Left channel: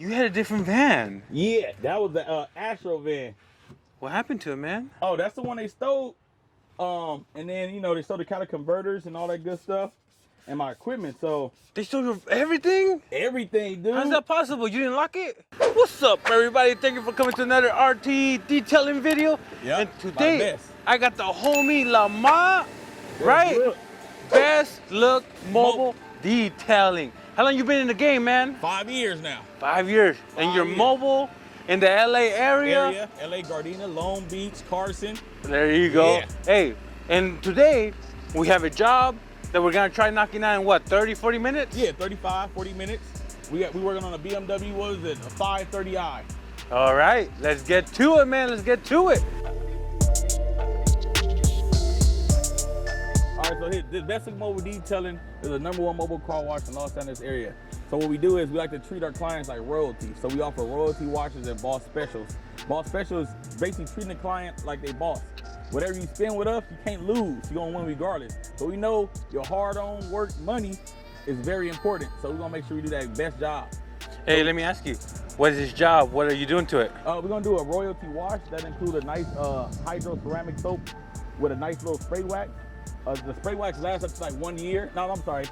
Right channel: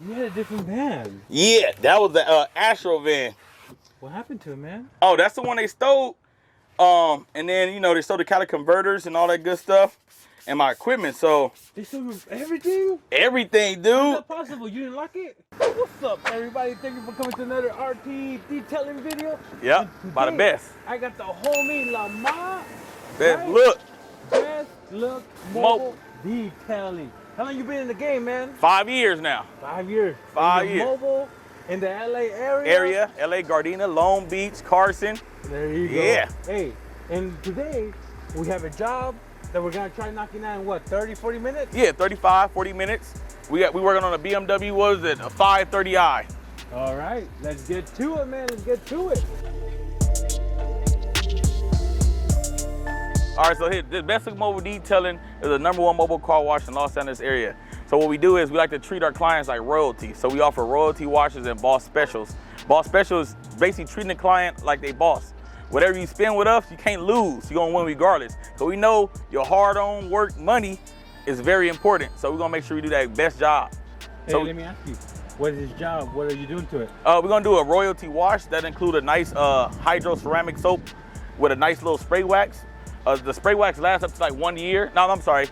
You had a different van. Yeah, that was the Astro van. What happened to it, man? Oh, that's the one they stole. And then, you know, they stole the catalytic converters and all that good stuff and my equipment. So They stole your everything? everything, dude. How's that possible? You didn't lock it? What's up, everybody? Thank you for coming to another RTE detailing video. Yeah, and today, my best. I got the homie Lamar. Best look. Best look mobile detailing. How long you been in the game, man? 5 years now. 5 years. 5 and you're years. mobile in the LA area? LA, Gardena, Long Beach, Carson. There you go. Yeah. Hey, and today we have a job that we're gonna try knocking out in what, 30, 40 minutes? Yeah, 35, 40 minutes. We working on a BMW, what is it, a 530i. All right, let's get to it, man. Let's get to it. All right, so here, the Best Look Mobile Detailing is the #1 mobile car wash in Los Angeles area. So what we do is we like to treat our clients like royalty. So we offer royalty washes and boss specials. Boss special is basically treating the client like they boss. Whatever you spend with us, you can't lose. You're gonna win regardless. So we know your hard-earned work money is very important. So we're gonna make sure we do that best job. Hey, So, let me ask you, what is this job? What are you doing to it? we're gonna do a royalty wash that include a nice hydro ceramic soap with a nice little spray wax. The spray wax lasts up to like 1 year. No, I'm sorry,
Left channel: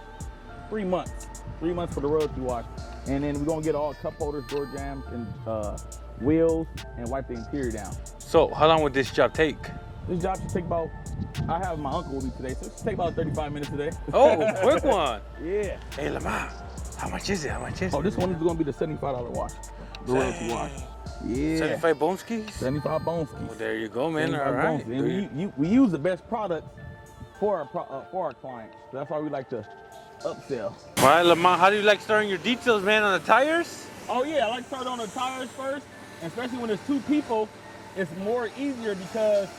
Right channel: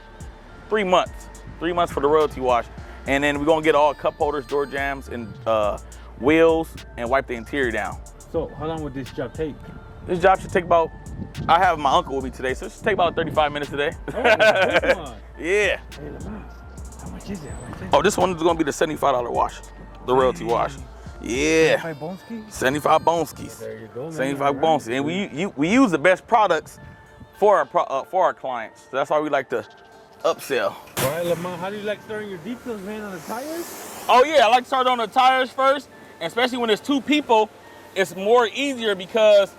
3 months. 3 months for the royalty wash. And then we're gonna get all cup holders, door jams, and wheels, and wipe the interior down. So how long would this job take? This job should take about, I have my uncle with me today, so it should take about 35 minutes today. Oh, quick one. Yeah. Hey, Lamar, how much is it? How much is it? Oh, this one is gonna be the $75 wash, the royalty wash. Yeah. 75 bone skis? 75 bone skis. There you go, man. 75 All right. bone skis. And we use the best products for our clients. So that's why we like to upsell. All right, Lamar, how do you like starting your details, man, on the tires? Oh yeah, I like to start on the tires first, and especially when there's 2 people, it's more easier because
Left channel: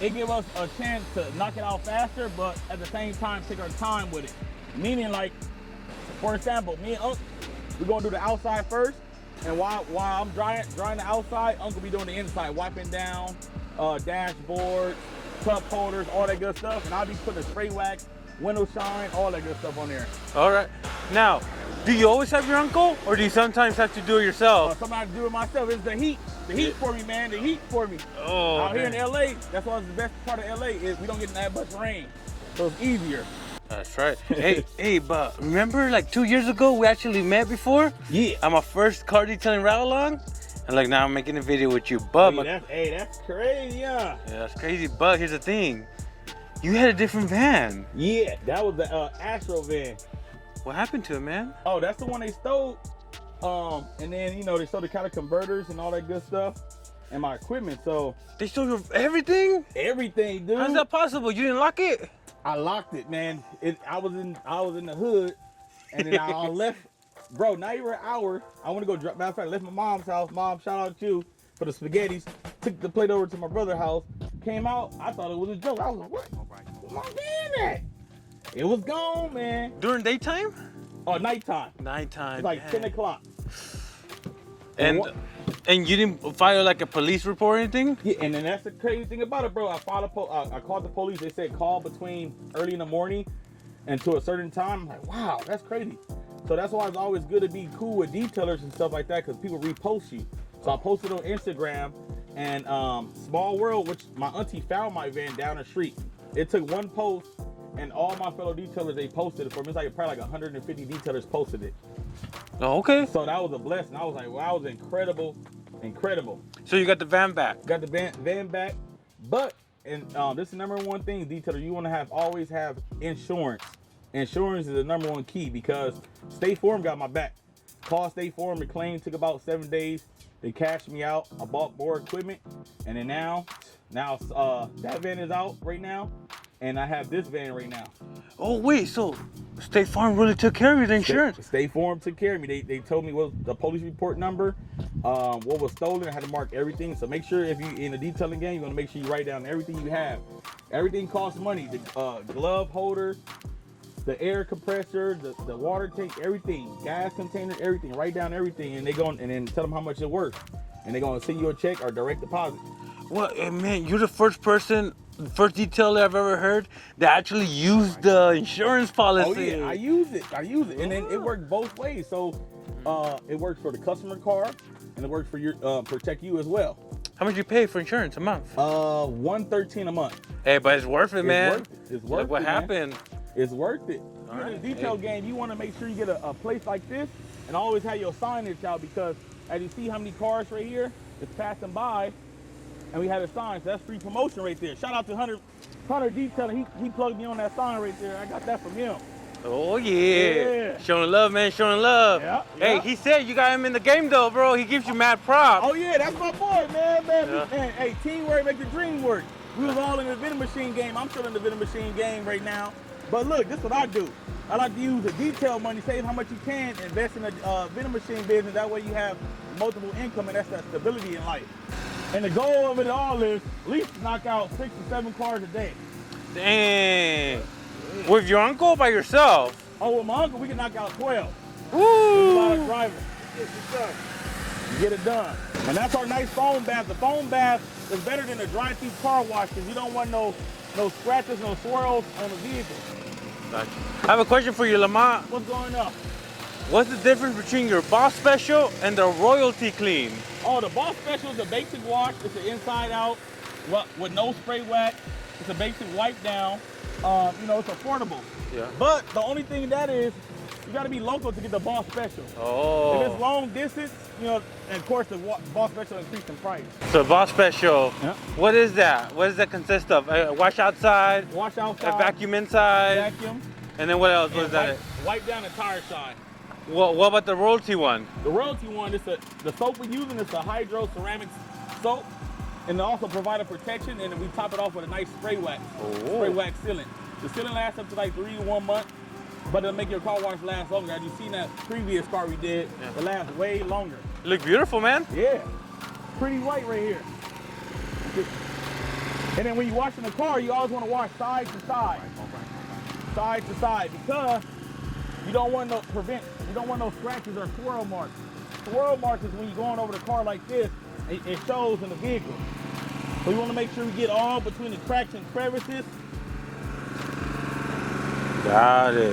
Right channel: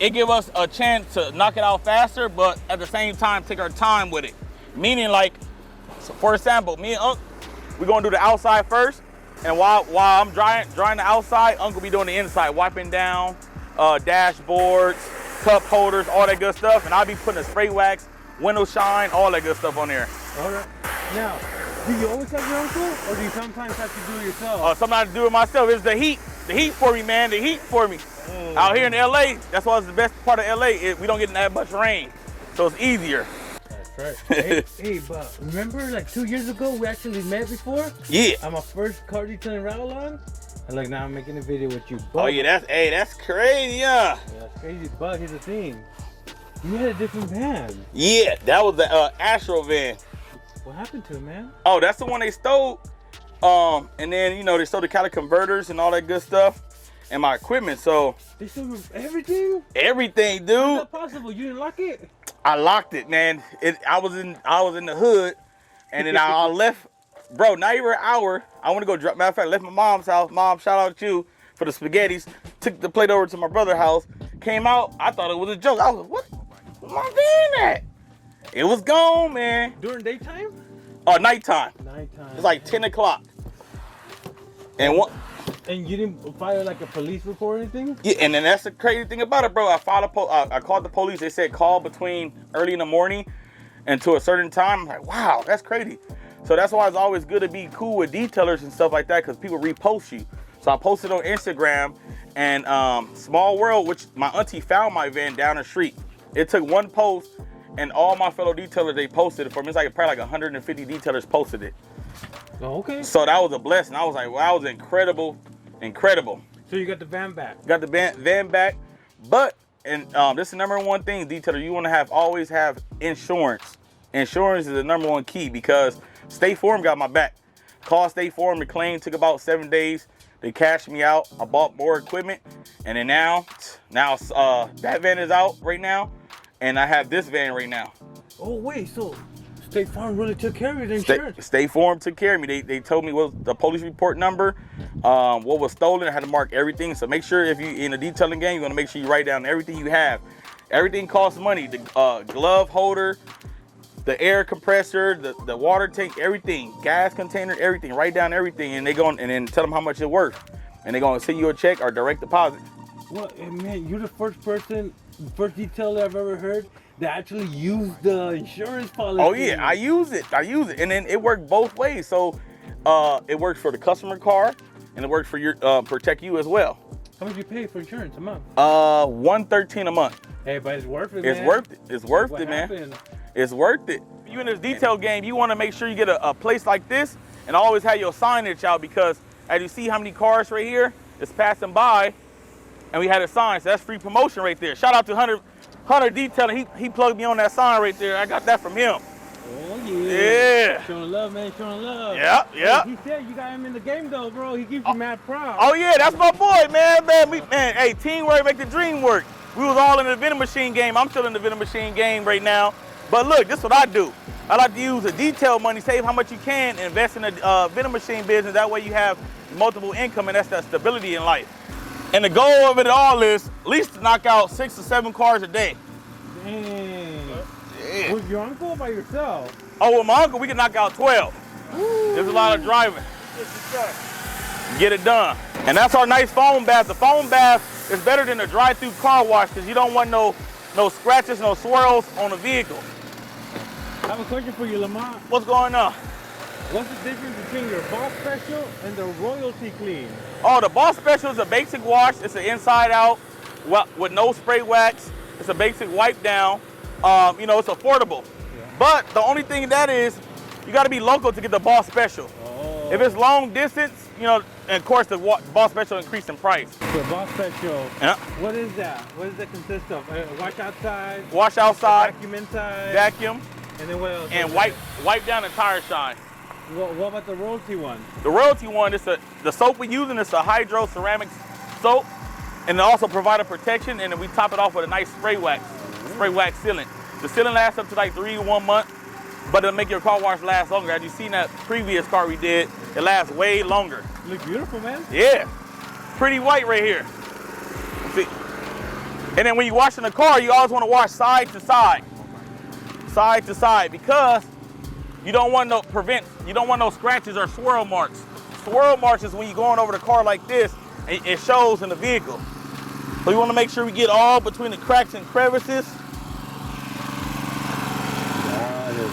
it gives us a chance to knock it out faster, but at the same time take our time with it. Meaning, like, so for example, me and Unc, we're gonna do the outside first, and while I'm drying the outside, Unc will be doing the inside, wiping down dashboards, cup holders, all that good stuff, and I'll be putting a spray wax, window shine, all that good stuff on there. All right. Now, do you always have your uncle, or do you sometimes have to do it yourself? Sometimes I do it myself. It's the heat for me, man, the heat for me. Oh, out here in LA, that's why it's the best part of LA. We don't get that much rain, so it's easier. That's right. hey, but remember like 2 years ago, we actually met before? Yeah. On my first car detailing ride along? And like now I'm making a video with you, but Oh yeah, that's crazy, yeah. Yeah, that's crazy, but here's the thing. You had a different van. Yeah, that was the Astro van. What happened to it, man? Oh, that's the one they stole. And then, you know, they stole the catalytic converters and all that good stuff and my equipment. So They stole your everything? everything, dude. How's that possible? You didn't lock it? I locked it, man. I was in the hood, and then I left. Bro, not even an hour. I want to go drop. Matter of fact, I left my mom's house. Mom, shout out to you for the spaghettis. Took the plate over to my brother's house. Came out. I thought it was a joke. I was like, what? Where's my van at? It was gone, man. During daytime? Nighttime. Nighttime. It's like 10 o'clock. And you didn't file like a police report or anything? Yeah, and then that's the crazy thing about it, bro. I called the police. They said call between early in the morning and to a certain time. I'm like, wow, that's crazy. So that's why it's always good to be cool with detailers and stuff like that, because people repost you. So I posted on Instagram, and Small World, which my auntie found my van down the street. It took one post, and all my fellow detailers, they posted it for me. It's like probably like 150 detailers posted it. Oh, okay. So that was a blessing. I was like, wow, that was incredible. So you got the van back? Got the van back, but this is the #1 thing, detailer. You want to always have insurance. Insurance is the #1 key, because State Farm got my back. Called State Farm, the claim took about 7 days. They cashed me out. I bought more equipment, and then now that van is out right now, and I have this van right now. Oh wait, so State Farm really took care of your insurance? State Farm took care of me. They told me what the police report number, what was stolen. I had to mark everything. So make sure if you in a detailing game, you want to make sure you write down everything you have. Everything costs money. The glove holder, the air compressor, the water tank, everything, gas container, everything. Write down everything, and and then tell them how much it's worth, and they're gonna send you a check or direct deposit. Well, man, you're the first detailer I've ever heard that actually used the insurance policy. Oh yeah, I use it, and then it worked both ways. So It works for the customer car, and it works for your protect you as well. How much do you pay for insurance a month? $113 a month. Hey, but it's worth it, man. It's worth it. It's worth what it, man. happened? It's worth it. You in this detail game, you want to make sure you get a place like this, and always have your signage out, because as you see how many cars right here is passing by, and we had a sign, so that's free promotion right there. Shout out to Hunter Detailing. He plugged me on that sign right there. I got that from him. Oh Yeah. Showing love, man, showing love. Yeah, yeah. Hey, he said you got him in the game though, bro. He gives you mad props. Oh yeah, that's my boy, man. Hey, teamwork make the dream work. We was all in the vending machine game. I'm still in the vending machine game right now. But look, this is what I do. I like to use the detail money, save how much you can, and invest in the vending machine business. That way you have multiple income, and that's that stability in life. And the goal of it all is at least to knock out 6 to 7 cars a day. Dang. With your uncle or by yourself? Oh, with my uncle, we can knock out 12. Woo. There's a lot of driving. Get it done. And that's our nice foam bath. The foam bath is better than a drive-through car wash, because you don't want no scratches, no swirls on the vehicle. I have a question for you, Lamont. What's going on? What's the difference between your Boss Special and the Royalty Clean? Oh, the Boss Special is a basic wash. It's an inside out with no spray wax. It's a basic wipe down. You know, it's affordable. Yeah. But the only thing that is, you got to be local to get the Boss Special. Oh. If it's long distance, you know, and of course the Boss Special increased in price. So Boss Special, Yeah. what is that? What does that consist of? Wash outside, Wash outside, vacuum inside, vacuum, and then what else? and wipe down the tire shine. What about the Royalty one? The Royalty one, the soap we're using is a hydro ceramic soap, and it also provides protection, and then we top it off with a nice spray wax sealant. The sealant lasts up to like 3 to 1 month, but it'll make your car wash last longer. As you seen that previous car we did, it lasts way longer. You look beautiful, man. Yeah, pretty white right here. See? And then when you wash in the car, you always want to wash side to side. Side to side, because you don't want no scratches or swirl marks. Swirl marks is when you're going over the car like this, and it shows in the vehicle. So you want to make sure we get all between the cracks and crevices. Got it.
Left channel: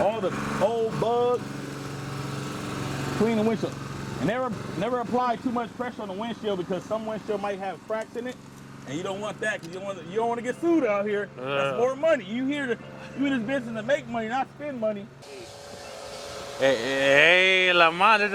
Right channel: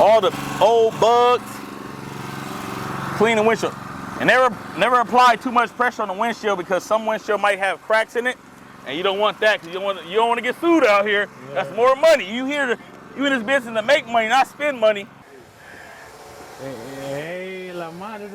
All the old bugs. Clean the windshield. And never apply too much pressure on the windshield, because some windshield might have cracks in it, and you don't want that, because you don't want to get sued out here. That's more money. You in this business to make money, not spend money. Hey, Lamont,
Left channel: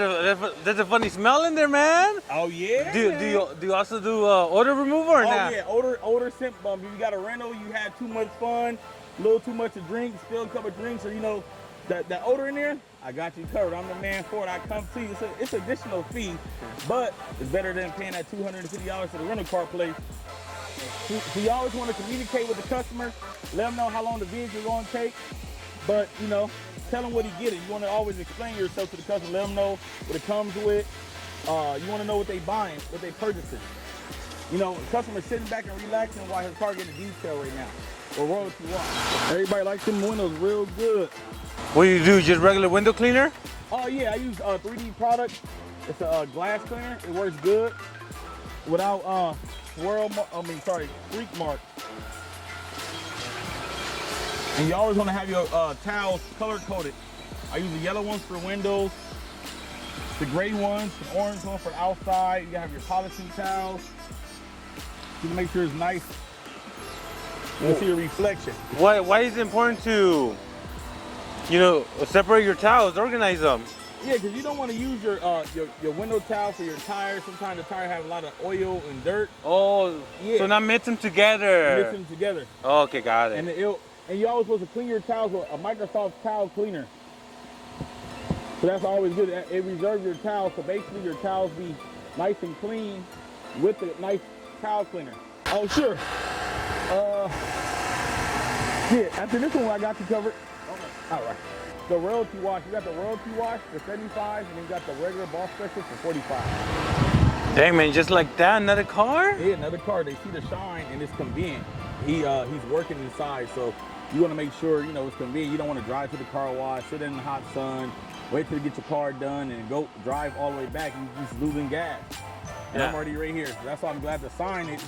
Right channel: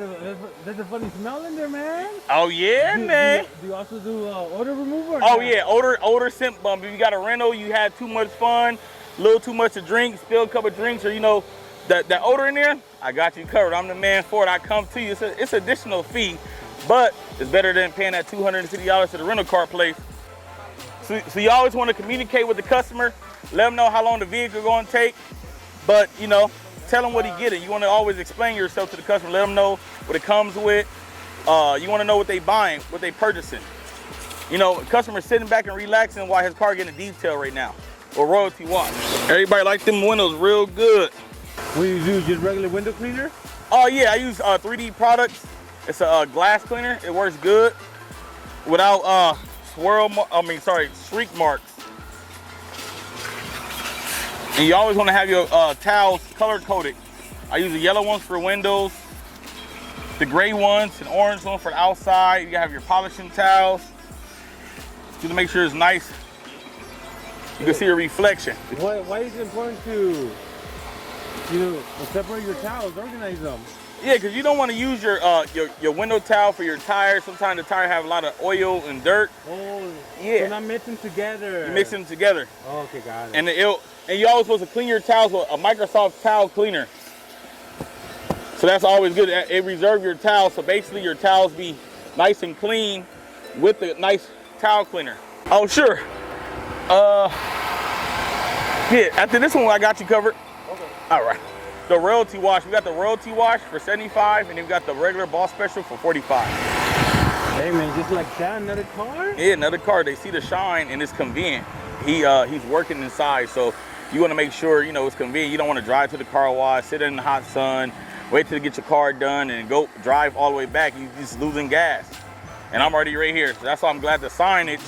there's a funny smell in there, man. Oh yeah, man. Do you also do odor removal or Oh not? yeah, odor scent bump. If you got a rental, you had too much fun, a little too much to drink, spilled a couple of drinks, or you know, that odor in there, I got you covered. I'm the man for it. I come to you. It's an additional fee, but it's better than paying that $250 to the rental car place. So you always want to communicate with the customer, let them know how long the vehicle going to take, but you know, tell them what he get it. You want to always explain yourself to the customer, let them know what it comes with. You want to know what they buying, what they purchasing. You know, customer sitting back and relaxing while his car getting a detail right now, or royalty wash. Everybody like them windows real good. What do you do, just regular window cleaner? Oh yeah, I use 3D products. It's a glass cleaner. It works good without streak marks. And you always want to have your towels color coded. I use the yellow ones for windows, the gray ones, and orange ones for the outside. You have your polishing towels to make sure it's nice. You can see a reflection. Why is it important to, you know, separate your towels, organize them? Yeah, because you don't want to use your window towel for your tires. Sometimes the tire have a lot of oil and dirt. Oh, yeah. So not mix them together. Mix them together. Oh, okay, got it. And you're always supposed to clean your towels with a Microsoft towel cleaner. So that's always good. It reserves your towels, so basically your towels be nice and clean with the nice towel cleaner. Oh, sure. Yeah, after this one, I got you covered. Okay. All right. The royalty wash, we got the royalty wash for $75, and then we got the regular Boss Special for $45. Hey man, just like that, another car? Yeah, another car. They see the shine and it's convenient. He's working inside, so you want to make sure, you know, it's convenient. You don't want to drive to the car wash, sit in the hot sun, wait till you get your car done, and go drive all the way back, and you're just losing gas. And I'm already right here. So that's why I'm glad the signage.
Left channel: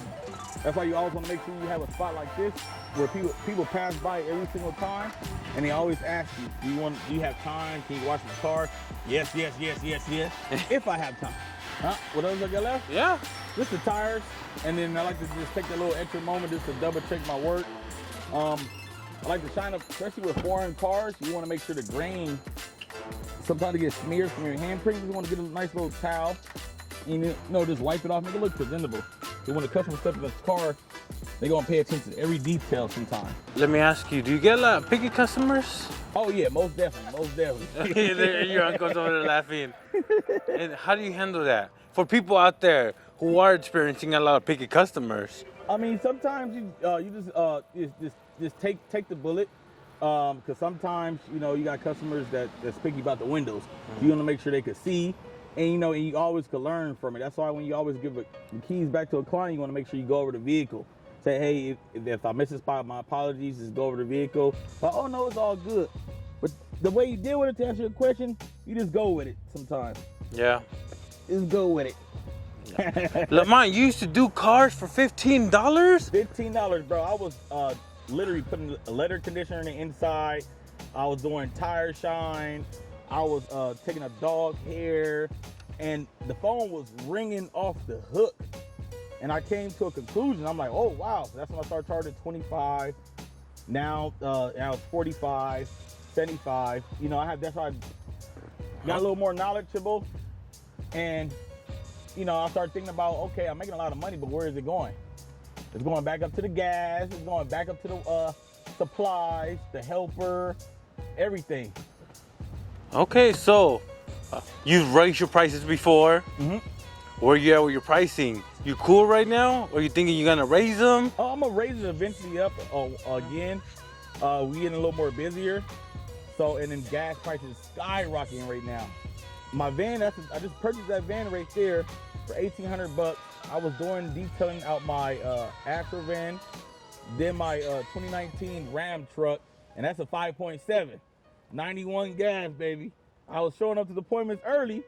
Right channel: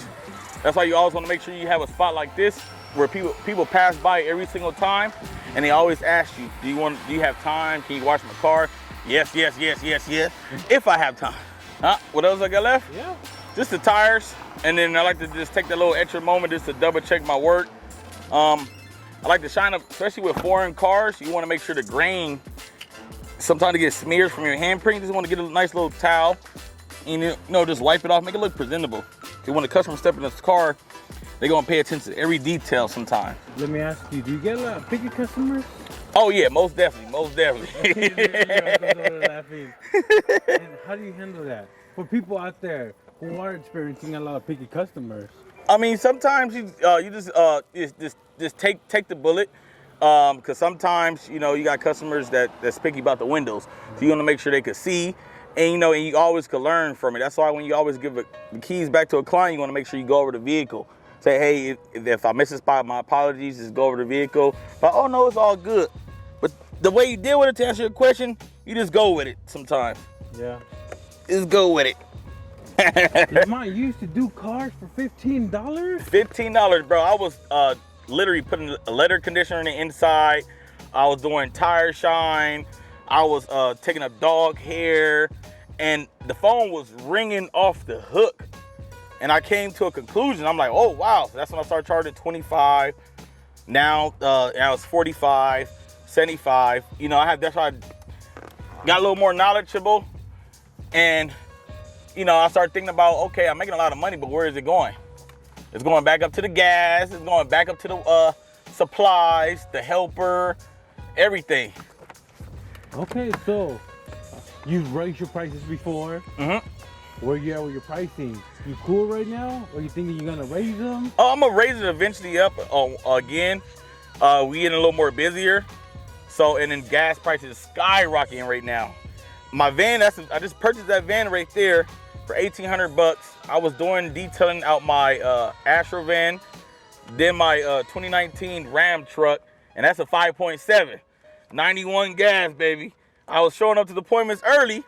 That's why you always want to make sure you have a spot like this where people pass by every single time, and they always ask you, do you have time? Can you wash my car? Yes, yes, yes, yes, yes. If I have time. Huh? What else I got left? Yeah. Just the tires. And then I like to just take that little extra moment just to double check my work. I like to shine up, especially with foreign cars. You want to make sure the grain, sometimes it gets smeared from your handprint. You just want to get a nice little towel and just wipe it off, make it look presentable. Because when the customer steps in this car, they're going to pay attention to every detail sometime. Let me ask you, do you get a lot of picky customers? Oh yeah, most definitely, most definitely. Your uncle's over there laughing. And how do you handle that? For people out there who are experiencing a lot of picky customers. I mean, sometimes you just take the bullet, because sometimes you got customers that's picky about the windows, so you want to make sure they can see, and and you always can learn from it. That's why when you always give the keys back to a client, you want to make sure you go over the vehicle. Say, hey, if I miss a spot, my apologies. Just go over the vehicle. But oh no, it's all good. But the way you deal with it, to answer your question, you just go with it sometimes. Yeah. Just go with it. Lamont, you used to do cars for $15? $15, bro. I was literally putting a leather conditioner on the inside. I was doing tire shine. I was taking a dog hair, and the phone was ringing off the hook. And I came to a conclusion. I'm like, oh wow. That's when I started charging 25. Now it's 45, 75. That's why I got a little more knowledgeable. And I started thinking about, okay, I'm making a lot of money, but where is it going? It's going back up to the gas. It's going back up to the supplies, the helper, everything. Okay, so you've raised your prices before. Mm-hmm. Where you at with your pricing? You cool right now? Or you thinking you're gonna raise them? Oh, I'm gonna raise it eventually up again. We getting a little more busier. And then gas prices skyrocketing right now. My van, I just purchased that van right there for $1,800. I was doing detailing out my Astro van, then my 2019 Ram truck, and that's a 5.7, 91 gas, baby. I was showing up to the appointments early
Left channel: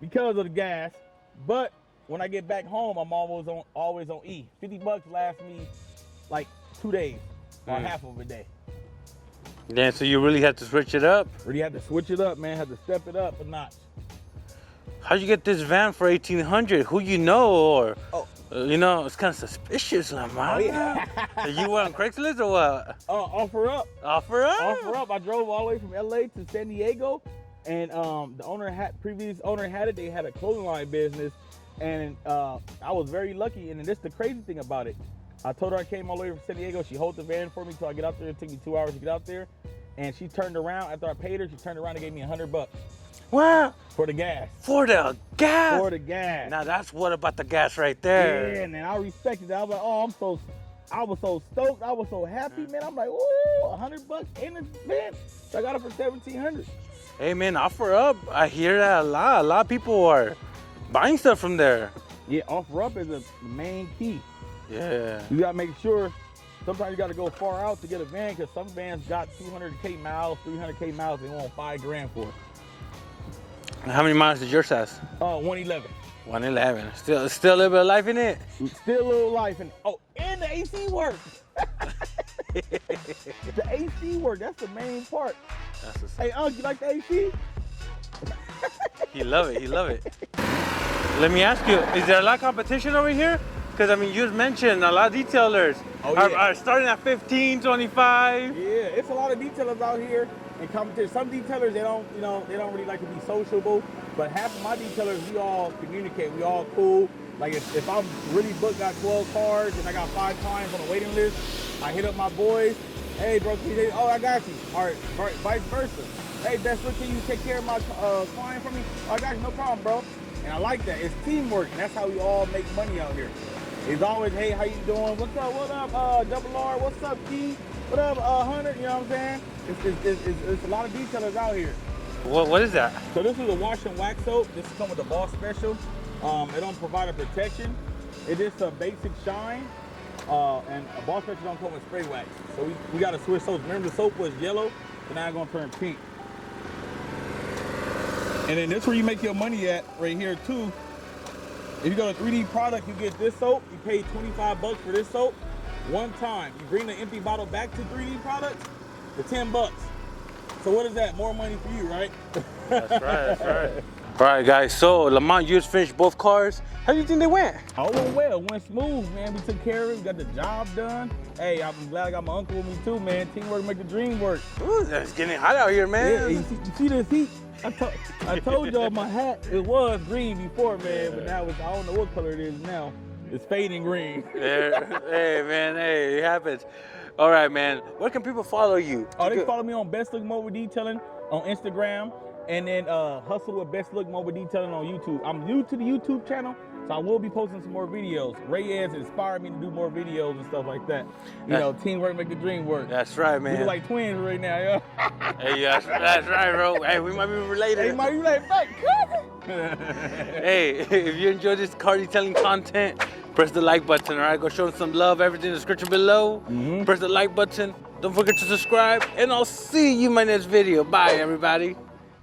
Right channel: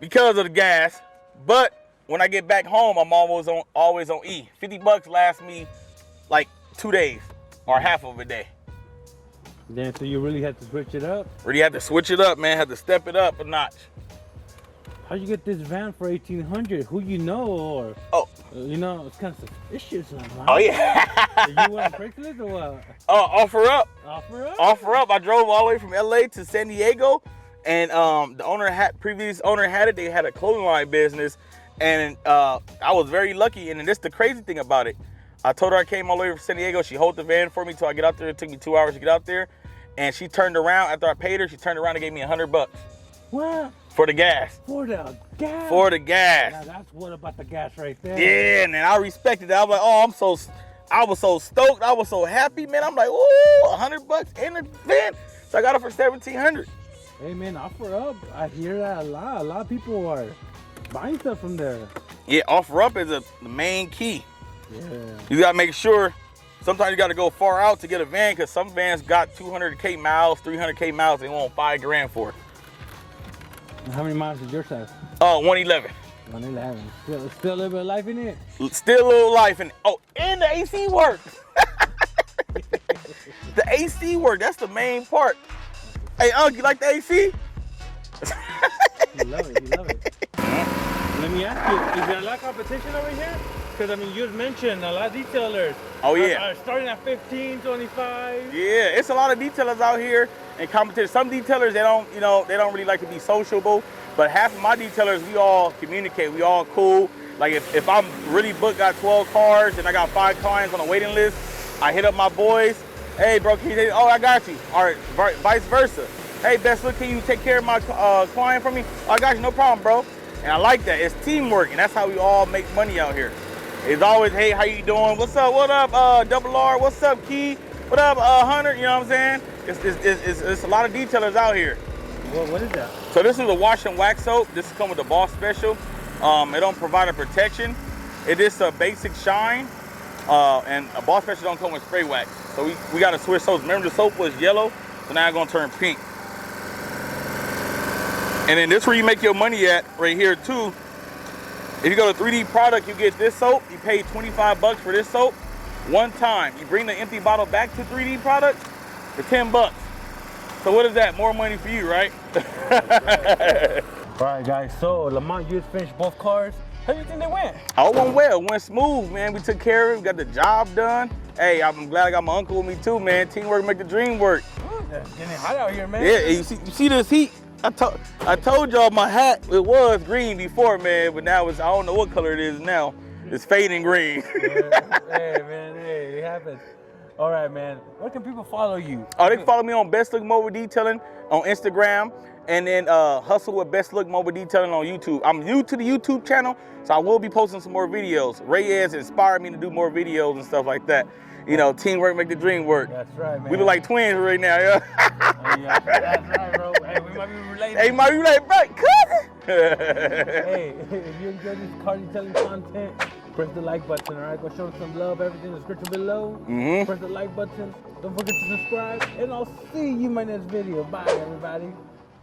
because of the gas, but when I get back home, I'm always on E. $50 lasts me like 2 days or half of a day. Yeah, so you really had to switch it up? Really had to switch it up, man. Had to step it up a notch. How'd you get this van for $1,800? Who you know, or it's kind of suspicious, Lamont. Oh yeah. You went on Craigslist or what? Offer up. Offer up? Offer up. I drove all the way from LA to San Diego, and the previous owner had it. They had a clothing line business, and I was very lucky. And this the crazy thing about it. I told her I came all the way from San Diego. She held the van for me till I get out there. It took me 2 hours to get out there. And she turned around, after I paid her, she turned around and gave me $100. What? For the gas. For the gas? For the gas. Now that's what about the gas right there. Yeah, and then I respected that. I was like, I was so stoked. I was so happy, man. I'm like, ooh, $100 in the van. So I got it for $1,700. Hey man, offer up. I hear that a lot. A lot of people are buying stuff from there. Yeah, offer up is the main key. Yeah. You gotta make sure, sometimes you gotta go far out to get a van, because some vans got 200K miles, 300K miles, they want $5 grand for it. How many miles did yours have? 111. 111. Still a little bit of life in it? Still a little life in it. Oh, and the AC works. The AC work, that's the main part. Hey, you like the AC? He love it, he love it. Let me ask you, is there a lot of competition over here? Because, I mean, you just mentioned a lot of detailers are starting at 15, 25. Yeah, it's a lot of detailers out here and competition. Some detailers, they don't really like to be sociable, but half of my detailers, we all communicate, we all cool. Like if I'm really booked, got 12 cars and I got 5 clients on a waiting list, I hit up my boys. Hey, bro, can you say, oh, I got you. All right, vice versa. Hey, best look, can you take care of my client for me? Oh, I got you, no problem, bro. And I like that. It's teamwork, and that's how we all make money out here. It's always, hey, how you doing? What's up? What up, Double R? What's up, Key? What up, Hunter? You know what I'm saying? It's a lot of detailers out here. What is that? So this is a wash and wax soap. This is come with the Boss Special. It don't provide a protection. It is a basic shine, and a Boss Special don't come with spray wax. So we got to switch soaps. Remember the soap was yellow, so now it's gonna turn pink. And then this is where you make your money at, right here too. If you go to 3D Product, you get this soap. You pay $25 for this soap one time. You bring the empty bottle back to 3D Product for $10. So what is that? More money for you, right? That's right. All right, guys. So Lamont, you just finished both cars. How do you think they went? All went well. Went smooth, man. We took care of it. We got the job done. Hey, I'm glad I got my uncle with me too, man. Teamwork make the dream work. Ooh, it's getting hot out here, man. Yeah, you see this heat? I told y'all my hat, it was green before, man, but now it's, I don't know what color it is now. It's fading green. Yeah. Hey, man, hey, it happens. All right, man. Where can people follow you? Oh, they follow me on Best Look Mobile Detailing on Instagram, and then Hustle with Best Look Mobile Detailing on YouTube. I'm new to the YouTube channel, so I will be posting some more videos. Reyes inspired me to do more videos and stuff like that. You know, teamwork make the dream work. That's right, man. We look like twins right now, yeah. Hey, that's right, bro. Hey, we might be related. Hey, might be like, right, cousin. Hey, if you enjoy this car detailing content, press the like button, all right? Go show them some love. Everything in the description below. Press the like button. Don't forget to subscribe, and I'll see you in my next video. Bye, everybody.